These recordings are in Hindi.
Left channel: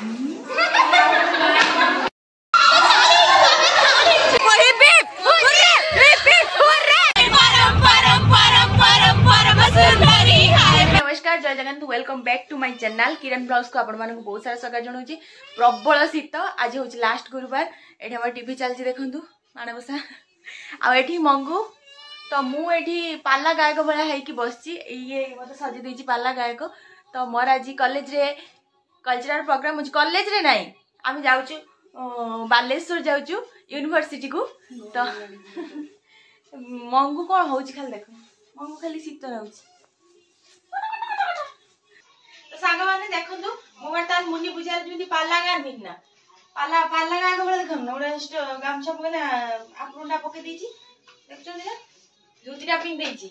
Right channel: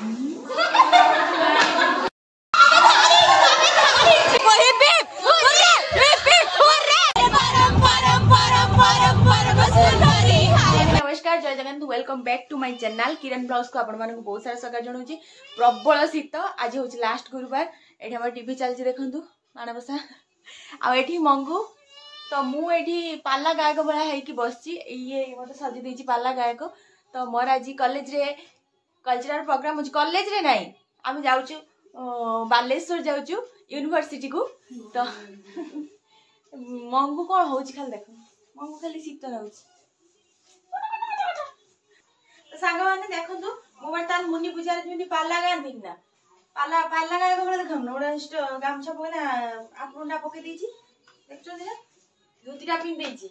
नमस्कार जय Jagannath welcome back to my channel Kiran blogs को आपण मानक बहुत सारा सका जनाऊँ प्रबल शीत आज हूँ लास्ट गुरुवार ये आम टीवी चलती देखु माणबसा आठी मंगू तो मुझे पाला गायक भाया होगी बस ये मत सजी देती पाला गायक तो मोर आज कॉलेज रे कल्चरल प्रोग्राम हो कॉलेज रे नहीं आम जाऊँ बालेश्वर जाऊँ यूनिवर्सिटी को तो मंगू कौन हो खाली देख मंगू खाली शीत रोच सांग मैंने देखु मो बर्तमान मुनि पूजा पाला गाँधी ना पाला पाला गायक भाई देख गोटे गामछा पकना आपटा पकई देखते ना जुतीटा पिंधे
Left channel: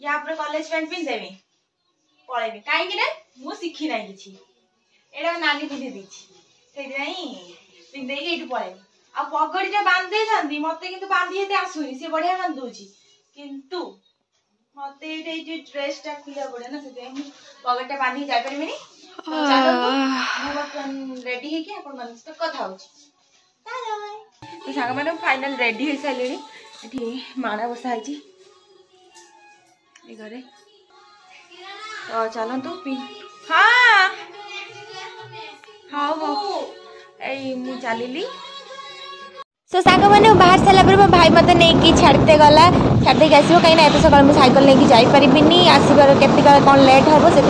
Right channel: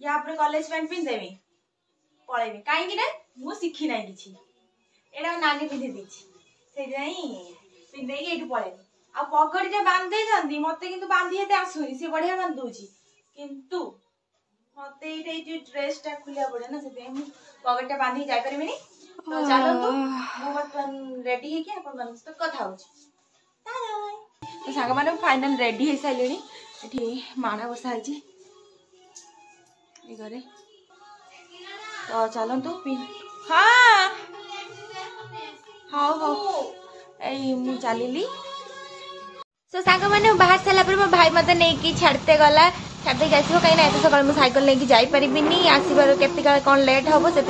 या कॉलेज पैंट पिंधेमी पलैनी कहीं मु शिखी ना कि एटा नानी पिंधे पिंधे ये पलैनी आ पगड़ीटा बांधे था मत कि बांधी ये आसुनी सी बढ़िया बांधुची किंतु मत ये ड्रेसटा खुलिया पड़े ना से पगड़ीटा बांधी जापर रेडी है कथा हो सांग मैंने फाइनल रेडी हो सारे ये माण बसा घरे तो चलतु हाँ हाँ हाँ यही चलि सो सांग मैंने बाहर सारा मो भाई मत नहीं छाड़ते गला छाड़दे आसो कहीं एत सका मुझे सैकल लेकिन जापरि आसबार केत कौन लेट हम से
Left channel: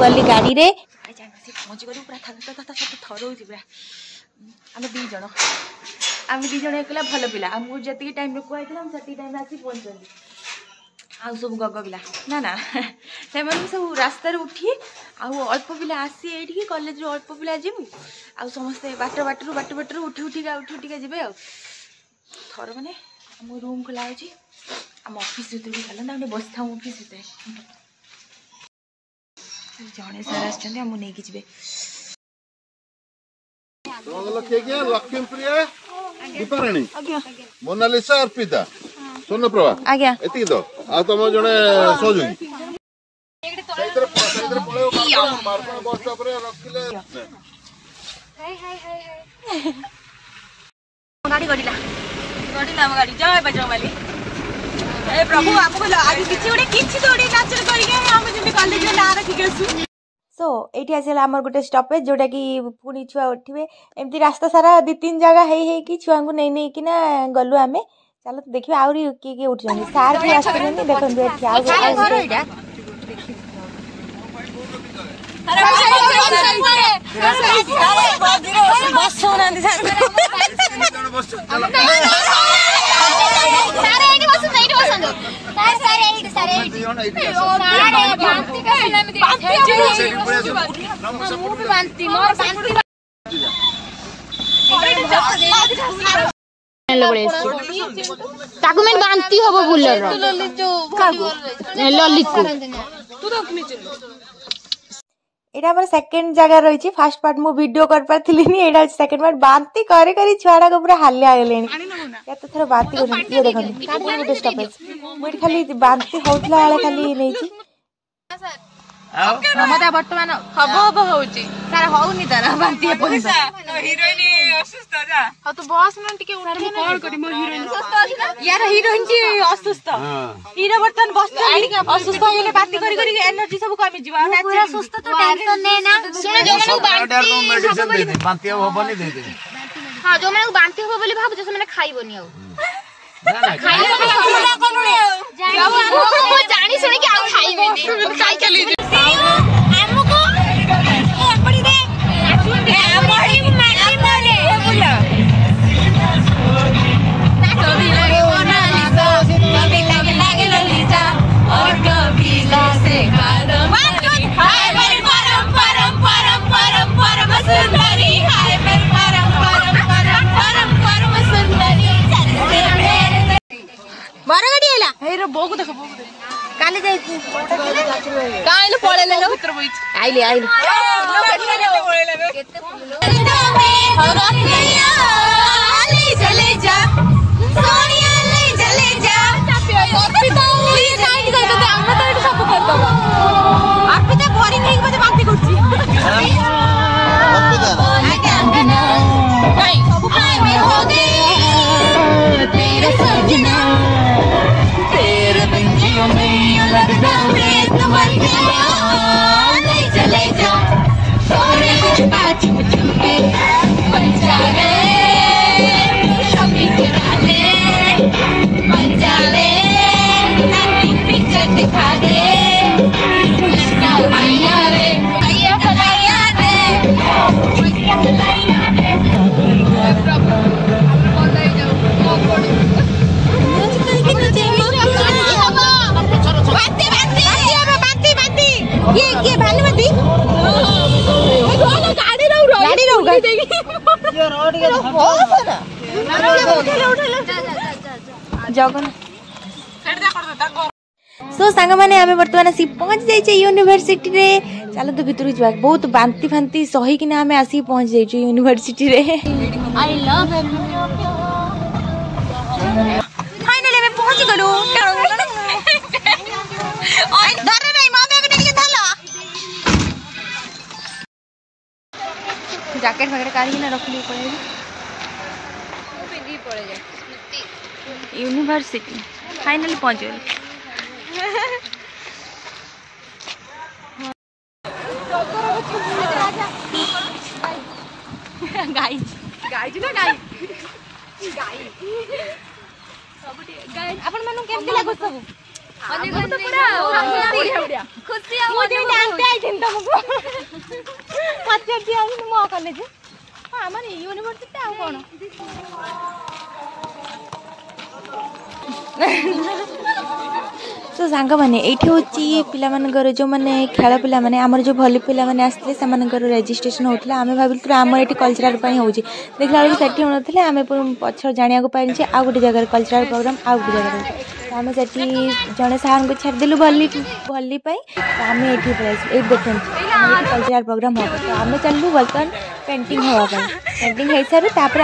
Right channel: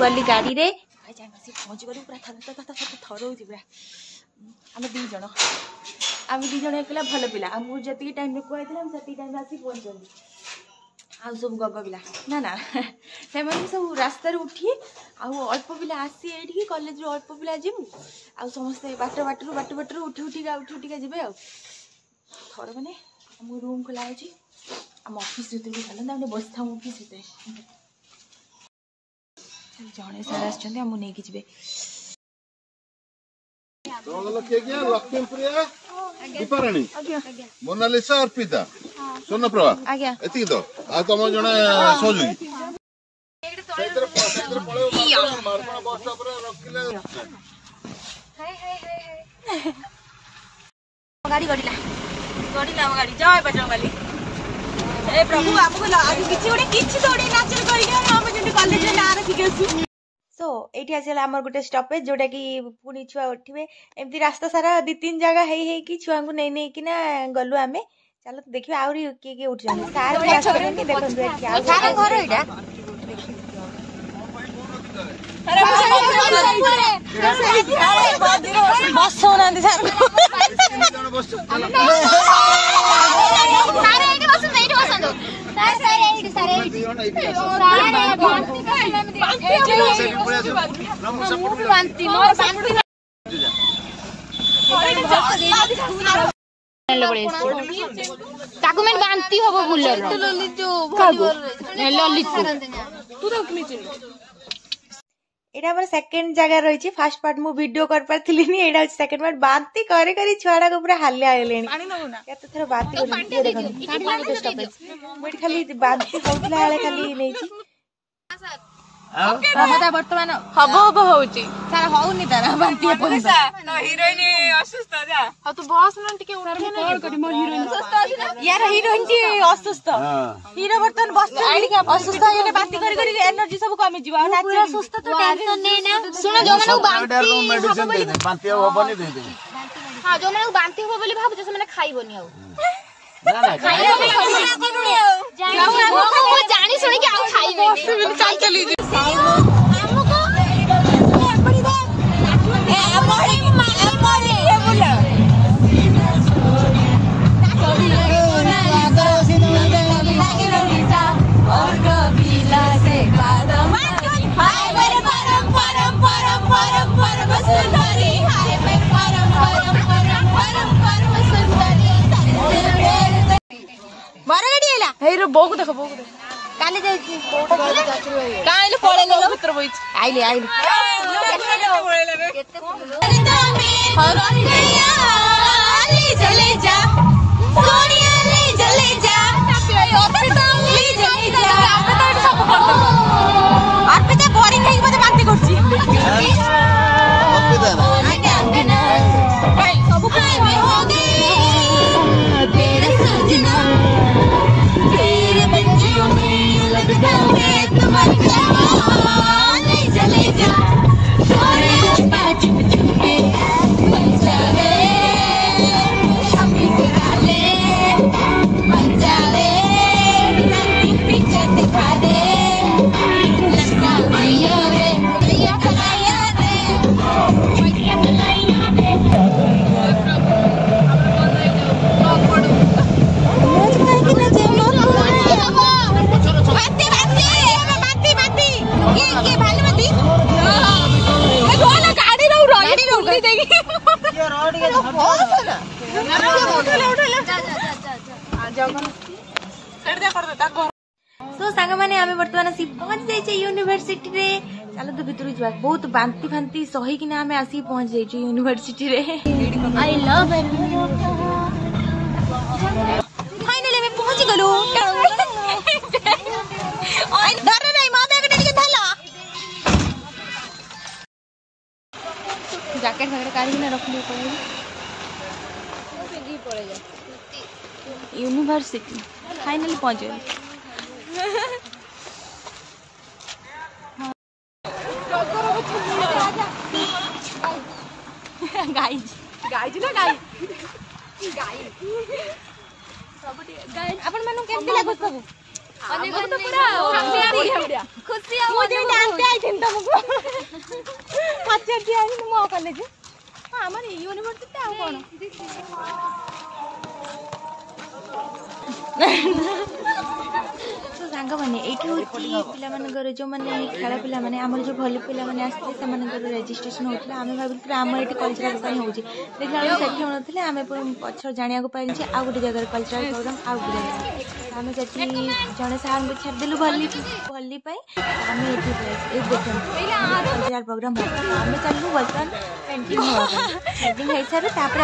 गली गाड़ी रे पहुँची गलु पूरा थर पूरा आम दी जन एकला भल पिला मुझे जी टाइम कहता से टाइम आसी पहुँचती आ सब गग पिला ना ना से सब रास्तार उठी अल्प पिला आसी ये कॉलेज अल्प पिला जीवु आ समस्ते बाटर उठी उठिका जी थर मैंने आम रूम खोला आम ऑफिस भर चलते बस था ऑफिस भर जड़े सर आसके जी लक्ष्मीप्रिया मोनालिसा अर्पिता स्वर्ण प्रभा आज्ञा एति तो आ तुम जने सोजुई गाड़ी गड़िला गाड़ी जय बजरंगबली ए प्रभु आपको आज किछि थोड़ी नाचर करिके हम जने कॉलेज में ना रखिकेसु सो ये आसला आमर गोटे स्टपेज जोटा कि पुणी छुआ उठे एमती रास्ता सारा 2-3 जगह है छुआ को नहीं कि गलु आमे चलो तो देखिए आउरी किए किए उठ जाएंगे सार भी आस देखो बांती हम बुलर ललित एटा हमर सेकंड जगह रही फास्ट पार्ट मु वीडियो कर पारथिली नी एटा सेकंड पार्ट बांती करे करे छुआडा को पूरा हाले आलेनी या तो थोड़ा बांती कर ये देखन गोटे स्टॉपेज मुठी खाली बांती होतला वाला खाली नै छी ममता वर्तमान हबो होउची सारा होउनी तारा बांती पइसा हीरोइन असुस्थ जा ह तू बस न टिके उठे ना कॉल करी मो हीरोइन असुस्थ अछि ना यार हीरोइन की असुस्थ हीरो वर्तमान बस असुस्थ गेले बांती करी करी एनर्जी सब कमी जीवा पूरा सुस्त तो टेंशन नै ना सुन जो मन बांती मेडिसिन दे दे बांती होबनी दे दे हां जो मन बांती होबो बोली भाबु जे माने खाइबोनी आउ ना ना खाइबो जानी सुनी कि आ खाइबेनी साइकिल हमको पड़ी दे मोड़ी मारी मारे बोला कभी मोनालिसा कभी लागे ललिता और कभी लासे कादम हाय मेरे परम परम परम परम परम सुंदरी हाय मेरे परम परम परम परम परम सुंदरी बारा गाड़ी आला हे रे बोक देखो काले जाई काइले पळेले न भीतर बइछ आइले आइले केते चले जा सोनिया ले चले जा अर्पिता ले जाई जा हम तो सब कर दबा अर्पिता बोरिंग नहीं मते बांती करछि सो सांग मैंने आम बर्तमान आसी पहुंच जाइए यूनिवर्सिटी रे। चलो तो भितर जा बहुत बांती फांती सही कि आम आसी पहुंच जाइए यूनिवर्सिटी रे। आई लव फाइनली मैं पहुंच गलु। जैकेट वगैरह काढ़ी ना रख ली यूनिवर्सिटी फाइनली पहुंच गए। आपण मानु केमती लागो सब तो पूरा खुशी आ मोदी डांस आई थिन तुमको पचर दिया मो कॉलेज हमर यूनिवर्सिटी आ कोन तो सांग मैंने ये हूँ पिलाମାନଙ୍କର जो मैंने खेल पिला माने आमर जो भली पिला माने आसते से रेजिस्ट्रेशन होता आम भाविलु आम ये कल्चरल हो देखला बेलू से होना आम पछर जाना पाइल आ गोटे जगह कल्चरल प्रोग्राम आ गोटे जगह आम से जड़े सार को छाड़देलु भली भली आम ये देखते कल्चरल प्रोग्राम हो आम चलू बर्तमान पेंटिंग होगा पेंटिंग हो सारे आप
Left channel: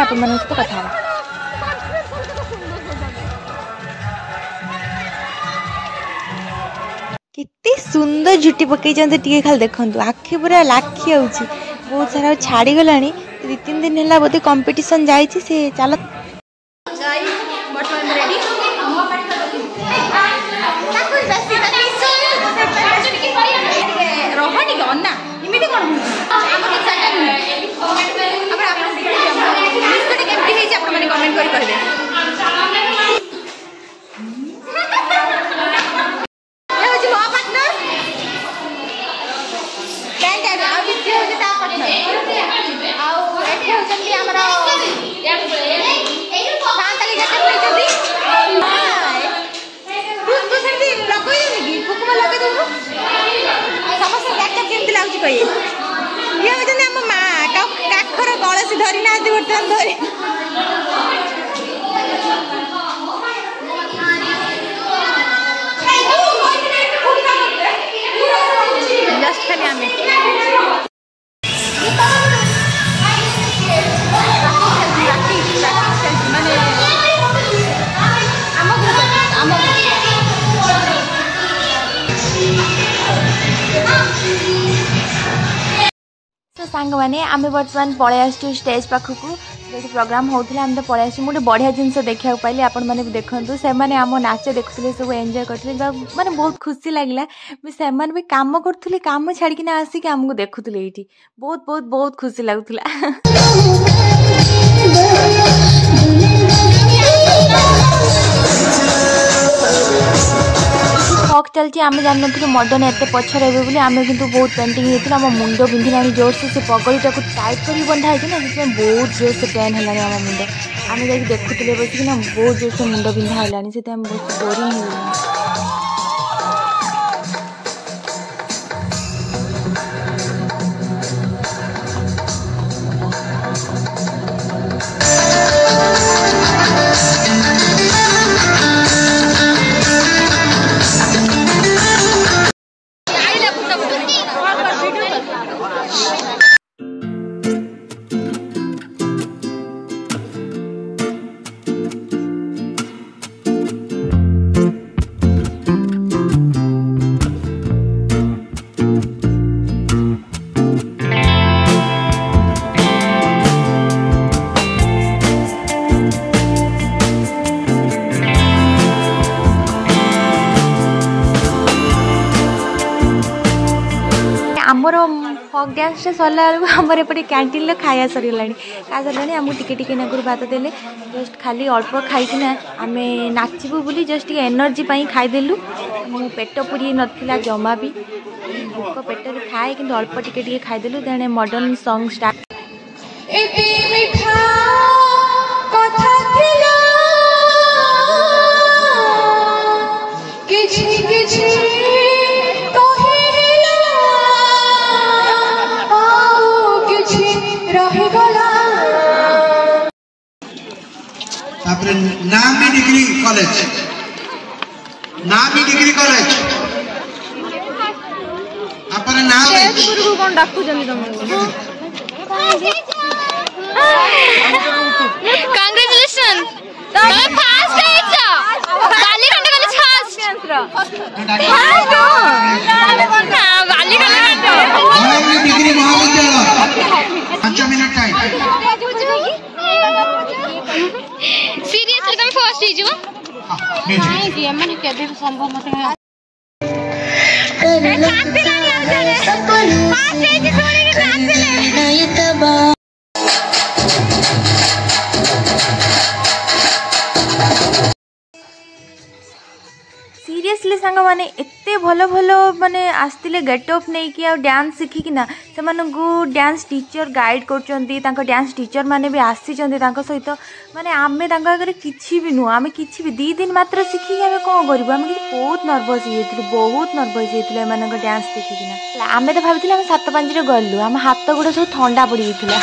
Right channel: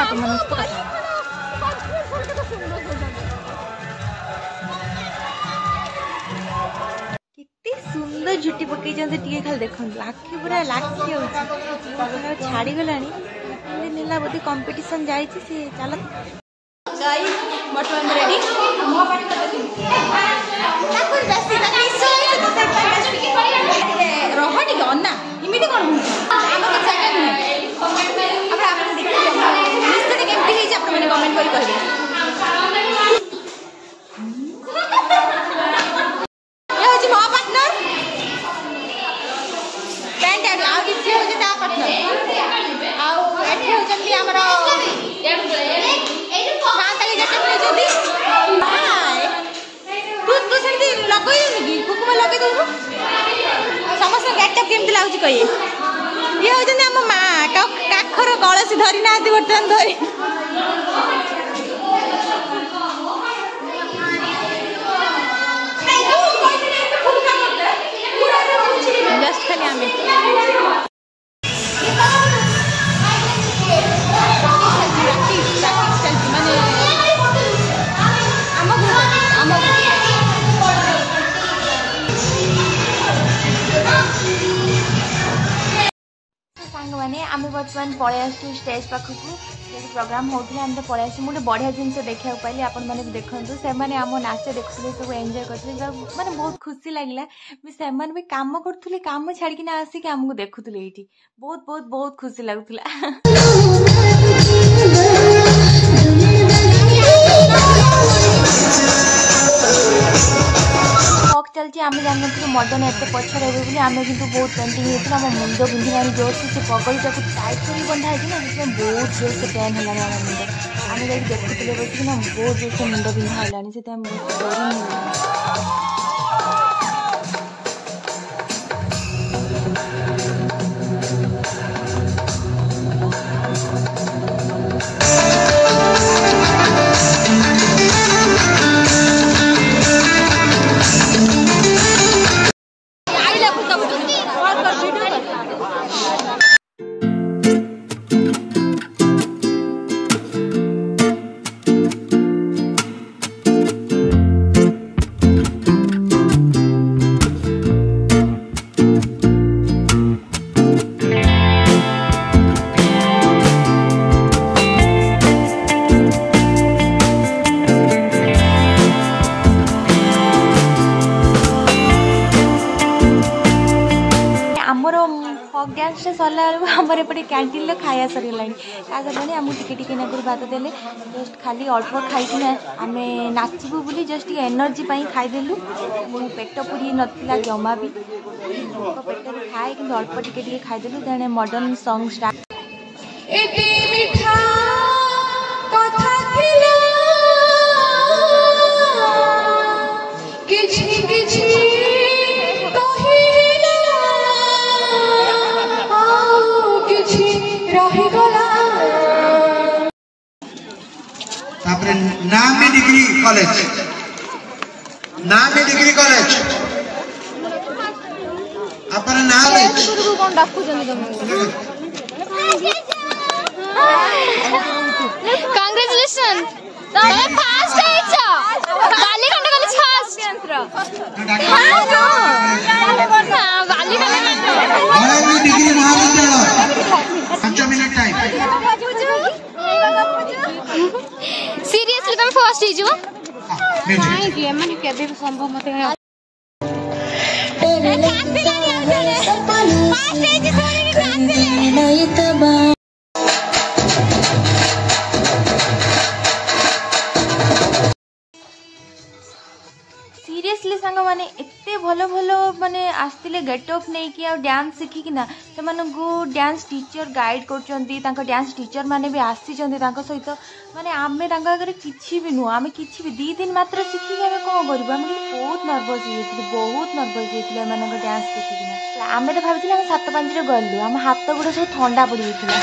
कथा कितनी सुंदर झुटी पकई टे खाली देखु आखि पूरा लाखी होची बहुत सारा छाड़ी गला 2-3 दिन है बोधे कंपटीशन जाए से चल बर्तमान रेडी रह अन्ना इमिति कौन देखिए कमेंट कर कहे काखर कलसी धरी ना बर्तमान धरी जस्ट खाली आमे माने सांग मैंने आम बर्तमान पलि आसु स्टेज पाखक जो प्रोग्राम होता आम तो पलि आस गोटे बढ़िया जिनस देखा पाइले आपण मैंने देखूँ से आम नाच देखुले सब एंजॉय करते माने बहुत खुशी लगे से भी कम करुले कम छाड़ी आसिक आमको देखुले ये बहुत बहुत बहुत खुशी लगुला चलती आम जान मदन एत पछर बोली आम कि बहुत पेंटिंग होता आम मुंड बिंधि जोर से पगड़ीटा को टाइट कर बंधा है ना बहुत जोर से पेन है आम मुंड आम जा देखुले बसिना बहुत जोर से मुंड बिंधा है बहुत बोरिंग है गैस सरला आमर एपटे कैंटीन खाया सरगला खा सरला आमको टिके नागर भात देले जस्ट खाली अल्प खाई आम नाचबू बोली जस्ट एनर्जी खाईदेलु पेट पूरी नाला जमा भी भोक पेट खाए कि अल्प टिके खाईदेलु देने मॉडर्न सॉन्ग स्टार्ट रही तापर नामी डिग्री कॉलेज नामी डिग्री कॉलेज अपन नाम कौन डाकू जमी कांग्रेचुलेशन फास्ट आइछो बालीखंड कॉलेज फास्ट हां बालीखंड नामी डिग्री महाविद्यालय 5 मिनट टाइम सीरियसली कभी फर्स्ट ही जो म्यूजिक ये मन केबे संभव मत सीरियसली सांग माने एते भलो भलो माने आस्तिले गेटअप नहीं कि आ डांस शिखी ना से डांस टीचर गाइड करचंती तांको डांस टीचर माने भी आसीचंती तांको सहित माने आमे तांको आगे किछि भी नु आमे किछि भी 2 दिन मात्र शिखी आमे कोन करबो आमे बहुत नर्वस हेतिले मानको डांस देखि ना आमे तो भाबिथिले आमे 7-5 रे गल्लु आमे हाथ गुडा सब ठंडा पड़ी गेथिला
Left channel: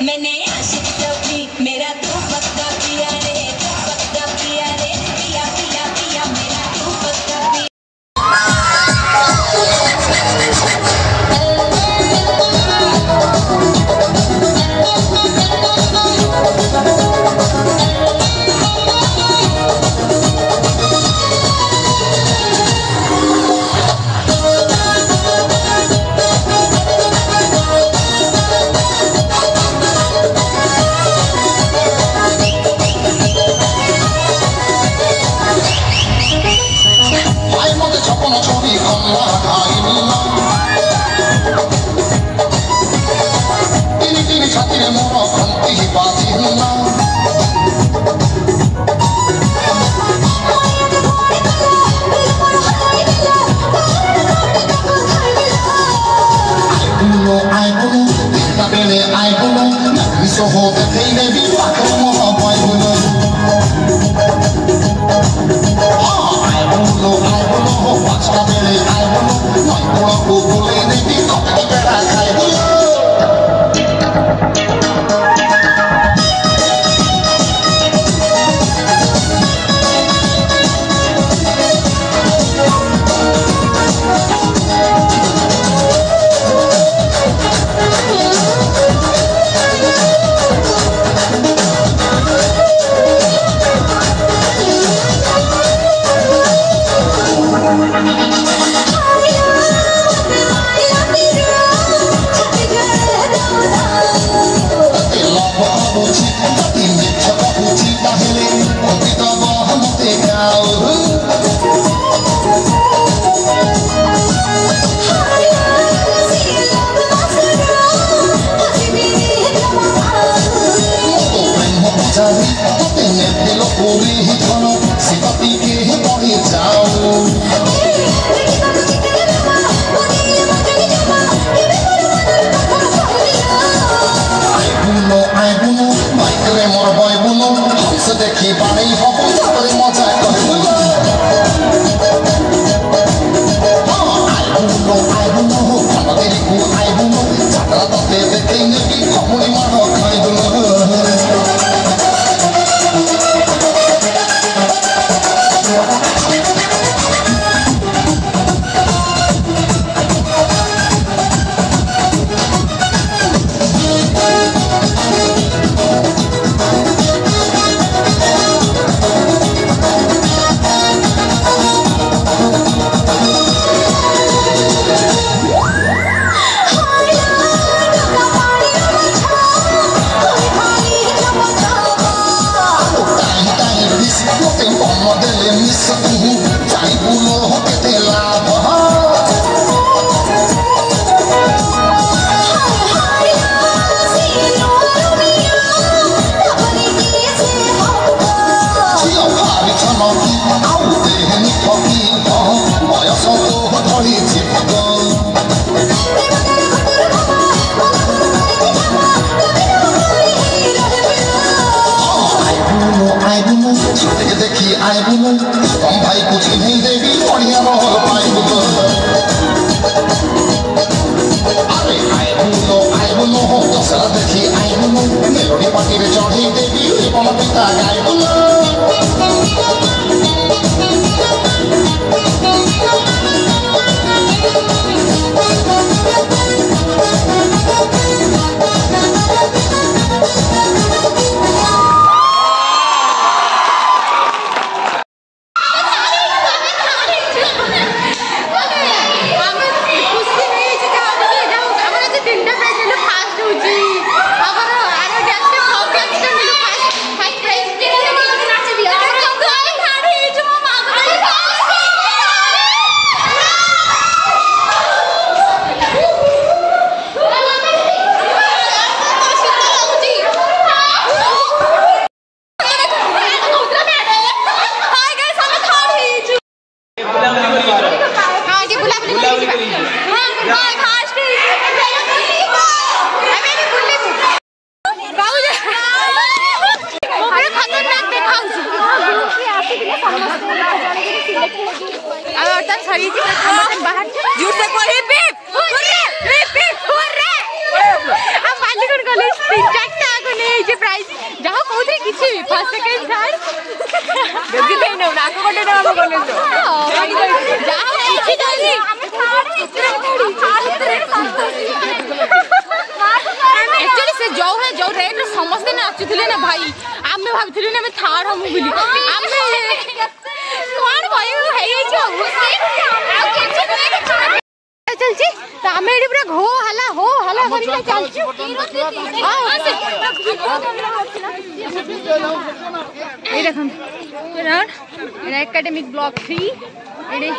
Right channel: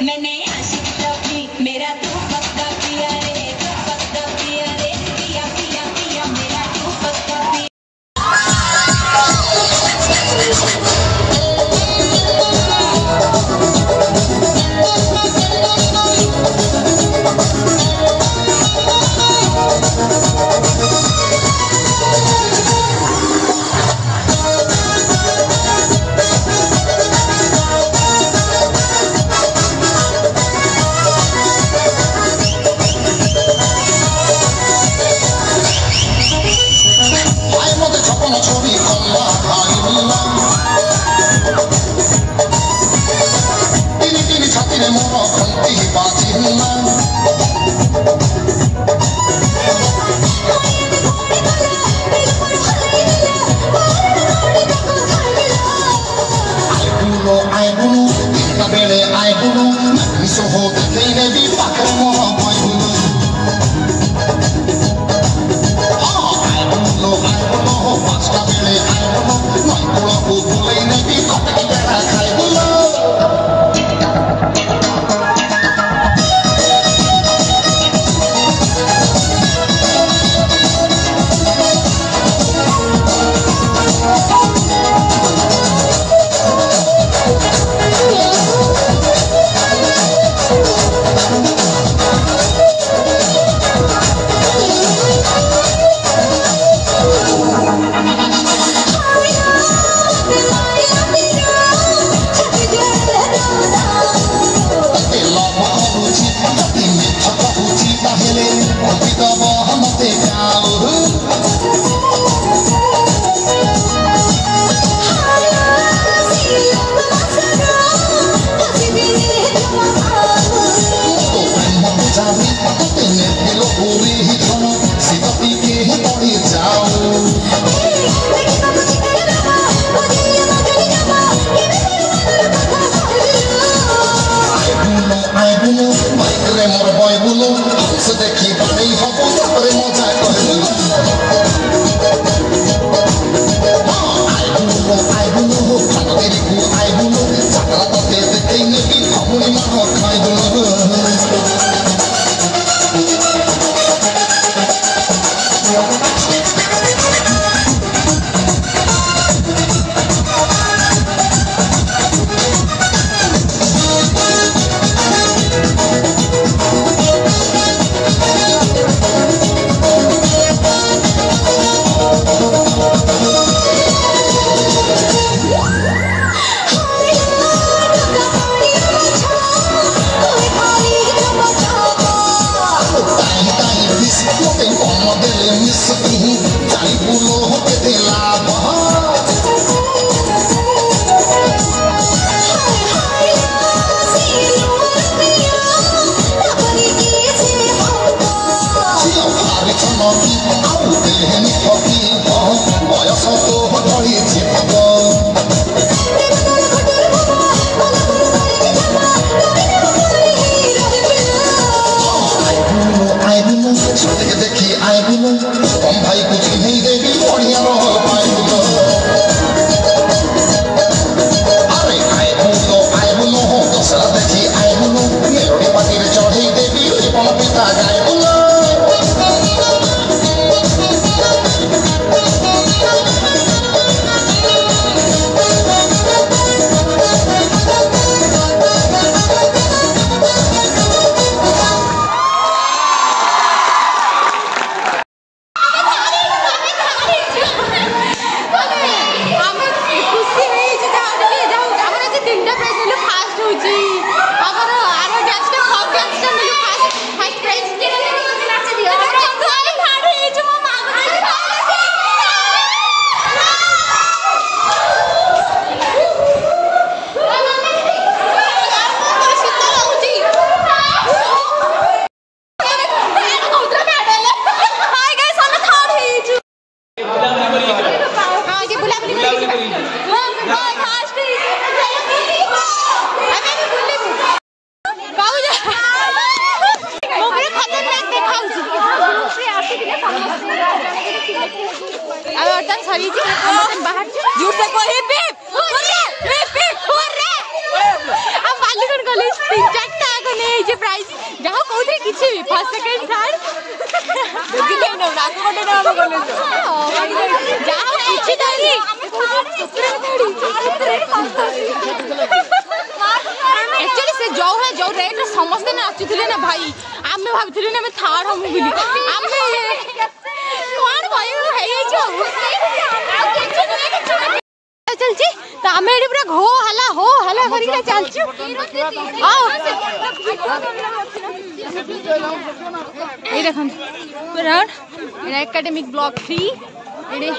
मैंने आशिक सभी मेरा तू पक्का किया रे पिया पिया पिया मेरा तू पक्का पिया तन सरी हम तन बाहर झूठ से को रिपीट हुर्रा हम बालीगढ़ कॉलेज 3-4 टा को ले जे प्राइज जाहो कोथे किछि भी फर्स्ट सेकंड थर्ड बेबी ले न ना को कोटे हम कॉलेज ओ भाई जाहो किछि डाली एक्चुअली से जो है जो रेट समस्त नाचुले ना भाई आमे भाबथिले ना मैं थार हम बोली आमे कोन भाई हे चल छी तो आमे एडी पूरा हो हला करके चलछु ये देखन पूरा एडा एकेडमिक ब्लॉक 3 एडी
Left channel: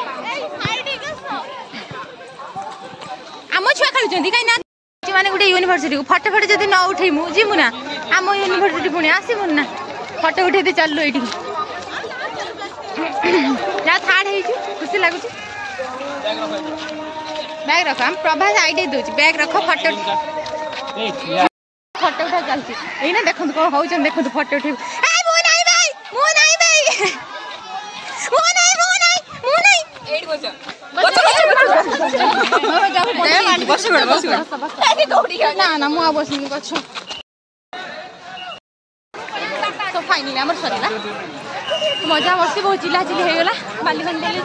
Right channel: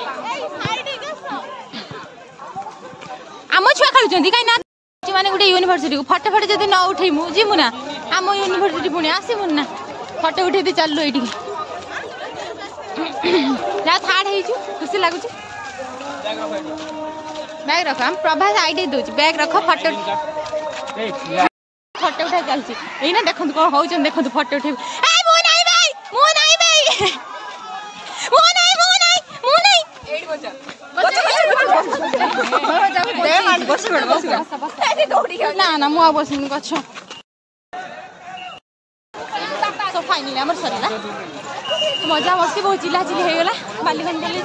आम छुआ खेलुचंदी काई ना माने गुटे यूनिवर्सिटी को फोटो फोटो जदि न उठेमु जिमु ना आम यूनिवर्सिटी पुणी आसीमु ना फोटो उठे दे चललो एठी जा थार्ड हेची खुशी लागु छी बैग रख हम प्रभास आईडी दोची बैग रख फोटो उठा चलची एई ना देखंत कोन होउचन देखंत फोटो उठे ए मो नाही भाई एडी बोचा ना मुआ बसनी गछ तो फाइनली हमर सरला मजा मस्ती बहुत चिल्ला चिल्ली हे गला बालीगंज कॉलेज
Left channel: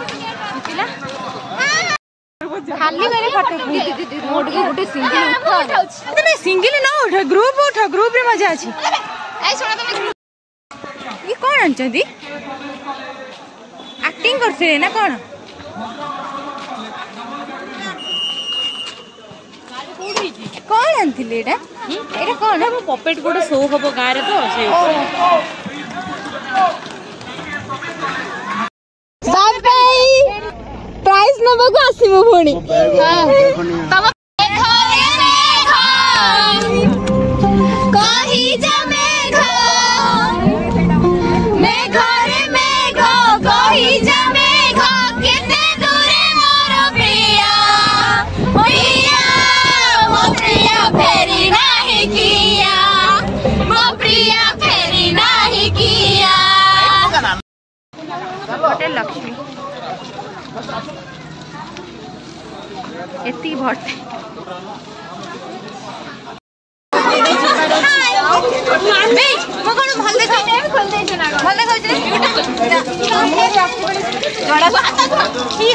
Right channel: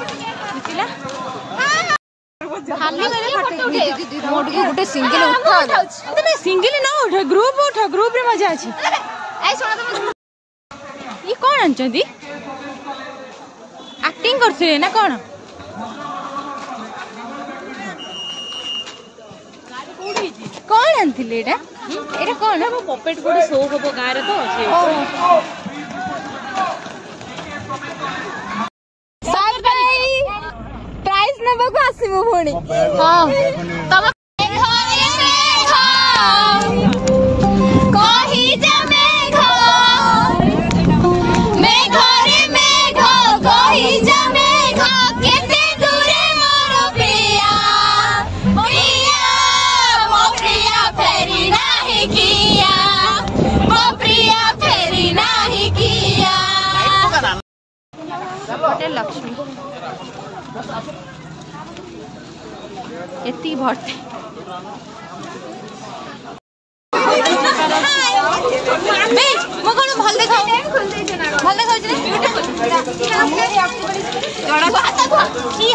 जितिला खाली करे फोटो मोड के गुटे सिंगल उठा तने सिंगल न उठा ग्रुप रे मजा अछि ए सुन ये कोन अंचदी एक्टिंग करछे ना कोन कौन आनथिले एटा एटा कौन पपेट गुड शो हबो गारे तो से सब भाई प्राइस नबो को आसीबो भोणी तब कहि जे मेघ रे मेघ कहि जे मेघ केते दूरे मोर प्रिया फेरी नाही किया वो प्रिया फेरी नाही किया होटल लक्ष्मी एती भरते म कोन भल देखाउ छी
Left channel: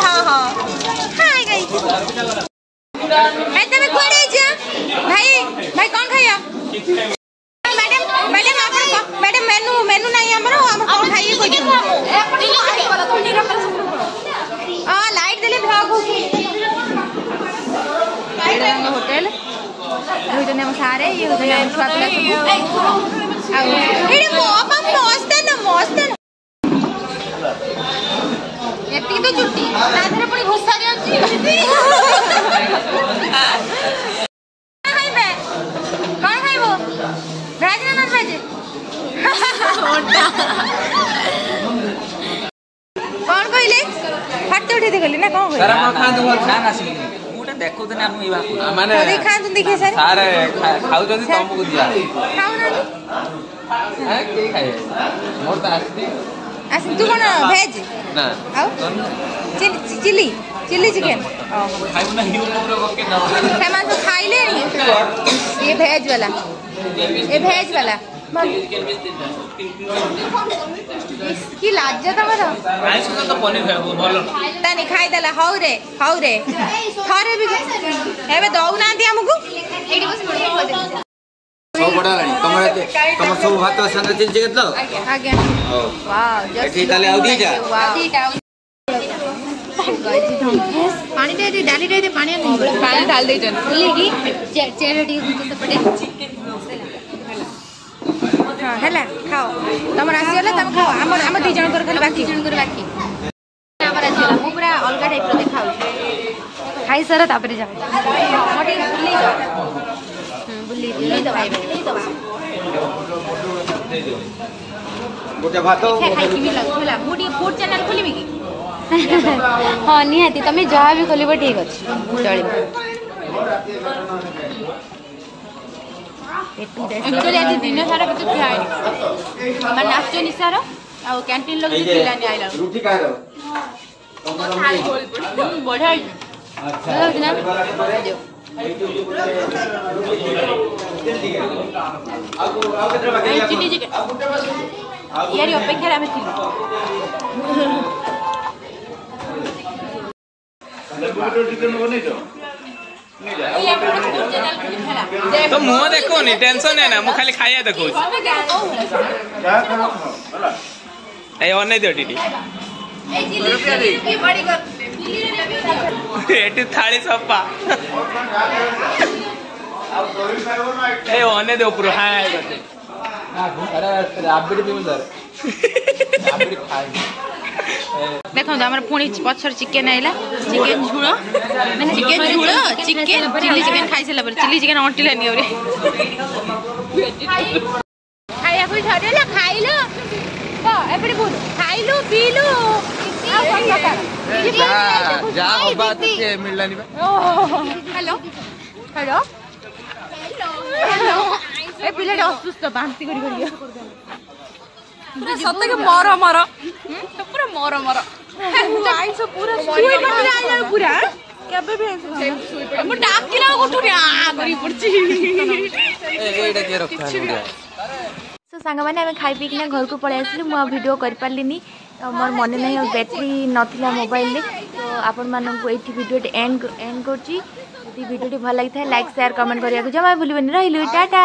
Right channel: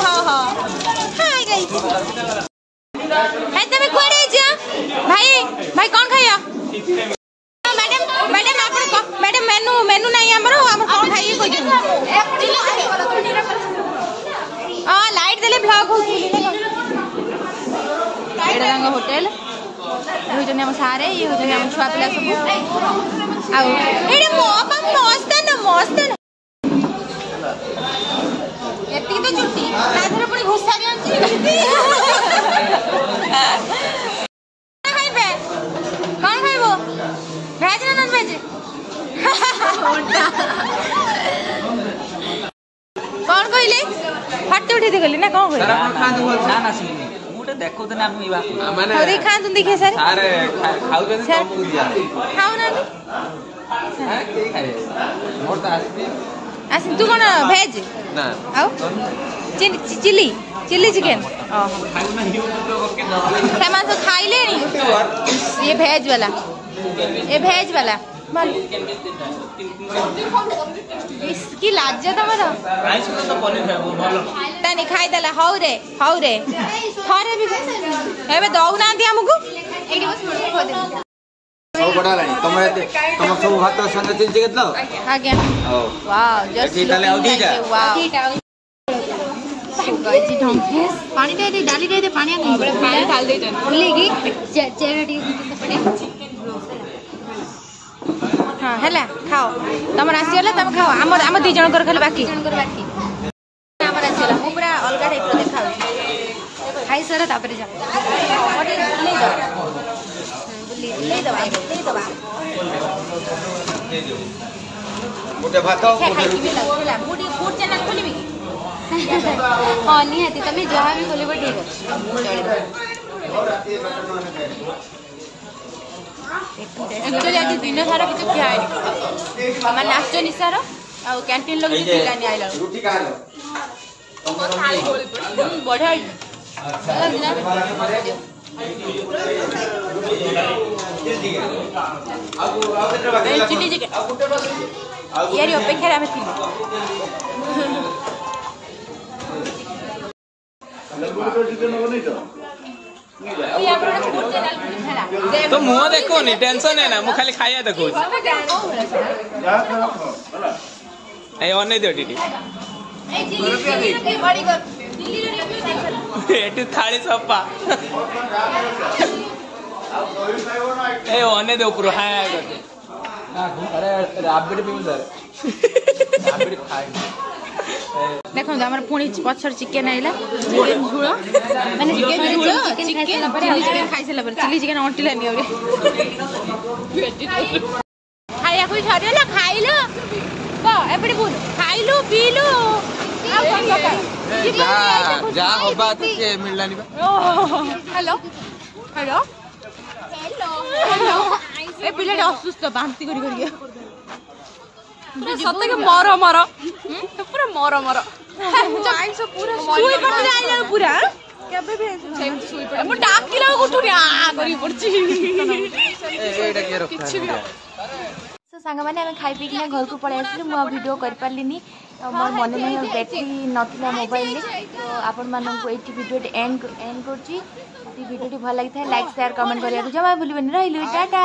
हां हाय गाइस है तमे कोड़े जा भाई कौन खाया मैडम आप मैडम मेनू नहीं हमर कौन खाइए कोइ हां लाइट देले भ्लॉग हो रंग होटल हो जने हम सारे ये हो जने हम छुआ पिला सब आ एडे मस्त एती तो छुट्टी ता धरे पुनी घोसारी आंची कौन खाइबो वेज ना नॉन वेज कौन कहले फट उठे दे गले ना कौन कहले सारा खांदु बोल छान आसी मुटे देखो त ना ई बात माने अरे खांदु देखे सारे खाउ जदी कम को दिया खाउ ना के खाए मोर त आसी तू कोन वेज ना आउ चिली चिकन खाइबो ना यूट्यूब रे के ना हेमा तो खाइले नी ये वेज वाला इसकी लाज्जा तमरा आइस तो पनीर खाइबो भलो तानी खाइ देला हौ रे थारे भी एबे दौ ना दिया हमकु सब बड़ा लानी तमर सब भात संग चिल चिकेत लो आज्ञा वाओ जस्ट ताले आउ दीटा वाओ तो गाइस ढंगेस पानी दे डाली दे पानी नहीं पानी डाल दे जन बोली की चेहरे टी पड़ी हां हला खाओ तमर आसी होला तम खाओ हम दी जण कर खाली बाकी हमर आसी होला मु पूरा अलगा टाइप रो देखाउ खाई सारा तापरे जा मोटे बुली जा बुली दबा गोटे भात मोटे मोटी फूड चैनल खोलिबी की हां निहाती तमे जहा भी खोलिबो ठीक अछि चलिबो एक्चुअली आज दिन सारा किसी खाए मैंने नाचो निसार ଆଉ କ୍ୟାଣ୍ଟିନ୍ ଲୋକ ପିଲାନି ଆଇଲା रुटी खाएर ବଢିଆ ଚିଲି ଚିକେନ୍ ইয়ারি অপেক্ষায় আমি ଥିଲି तो मुह देखो नी टेंशन है ना मु खाली खाया देखो ए ओने दियो टीटी एटी थाली सप्पा ए ओने दे ऊपर हां करते अरे राबड़ी भी सर राबड़ी खाई देखो हमारे पुणी पछर चिकेन आइला चिकेन झूल मैंने चिकेन झूल चिकेन चिली चिकेन खाई सारा पर चिली चिकेन अंटिलानी और खाया कोई छाडेला खाइलो को एपडी बोल खाइलो पीलो आ कोन लगा जा जा होबा तो से मिललानी बा हेलो हेलो हेलो ए पिलेट असुस्थ बांती करी करी सत्य के मरो मरो पूरा मरो मरो आइसो पूरा सुई पड़ जाइला पूरा केबे भी सुई पड़ मु डाक के ना उठु आ करी पड़ची एटा के रखा सो सांग माने हम खाई पी के घर को पळे आसिलु मु वीडियो कर पारलिनी मोर मन नहीं बैटरी नथिला मोबाइल ले तो आपण मानन को एठी वीडियो एंड करची वीडियो भल लगी था लाइक शेयर कमेंट करिया जमा भूलिबनी रहिलु टाटा।